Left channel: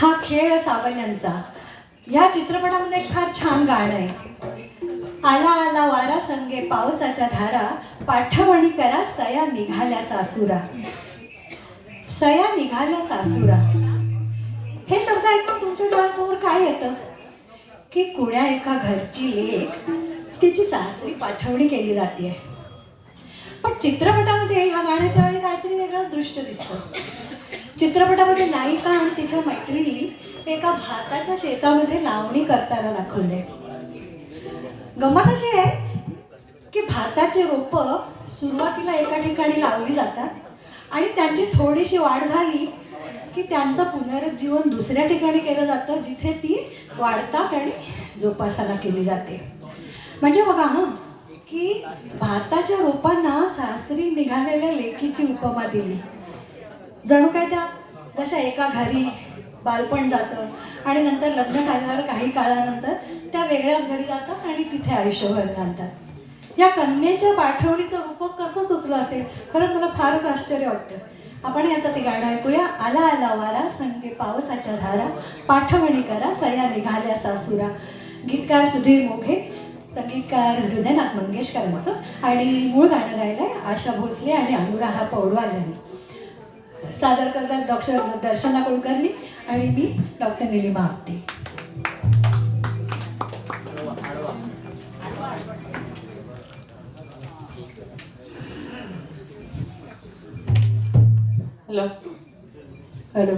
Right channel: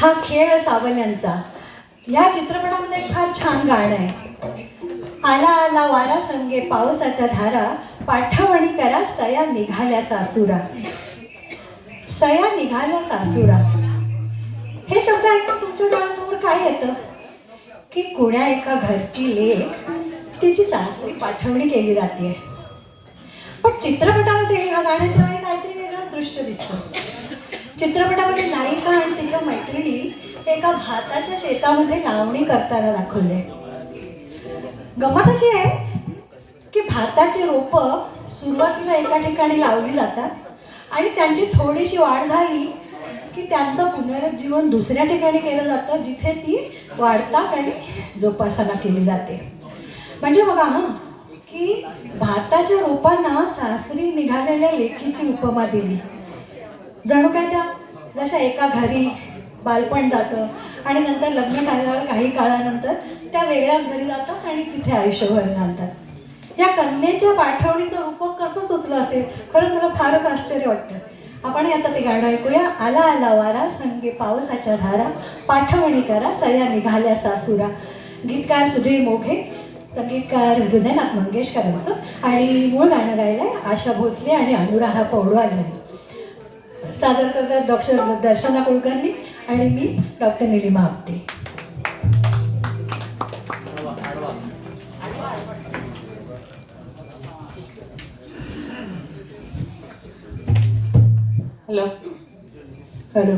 हा खेळ सावल्यांचा या चित्रपटामध्ये एक फार छान गाणं आहे. आला आला वारा संगे पावसाच्या धारा, पाठवणी करा सया निघाल्या सासुरा. सया निघाल्या सासुरा हे शब्द ऐकून तुमच्या डोळ्यासमोर काय येतं की कुण्या एका घरची लेक तिची सासरी पाठवणी केली जाते. पण चित्रपटामध्ये ह्या गाण्याच्या वेळी काहीतरी वेगळं दृश्य दिसतं. चित्रपटामध्ये नायिका आणि तिच्या मैत्रिणी एका भाताच्या शेतामध्ये लावणी करताना दाखवले. गंमत अशी आहे की भाताची रोपं सुरुवातीला एका ठिकाणी लावली जातात आणि त्यांची थोडीशी वाढ झाली की त्यांचं पुनरुज्जीवन दुसऱ्या ठिकाणी केलं जातं, जिथे ती वाढतात आणि जोपासना केली जाते. म्हणजे बघा की भाताच्या रोपांना सासरी निघालेल्या लेकीची उपमा दिली. जणू काय त्या जशा एका घरी बालपण जातं आणि नंतर लग्न झाल्यावर काही काळानंतर त्या वेगळ्याच घरी जातात आणि तिथे आयुष्यभर घालतात. या कन्येच्या पाठवणीचं रूप कसं सुचलं असेल, खरंच मला फारच आश्चर्य वाटतं. आपण आता ते गाणं ऐकूया. आला आला वारा संगे पावसाच्या धारा, पाठवणी करा सया निघाल्या सासुरा. गीतकार सुधीर मोघे, संगीतकार हृदयनाथ मंगेशकरांचं आणि मूळ गाणं गायलंय आशा भोसले आणि अनुराधा पौडवाल यांनी. सादर करतात डॉक्टर दर्शना कुलकर्णी आणि मी doctor Nilima Apte. Hello hello.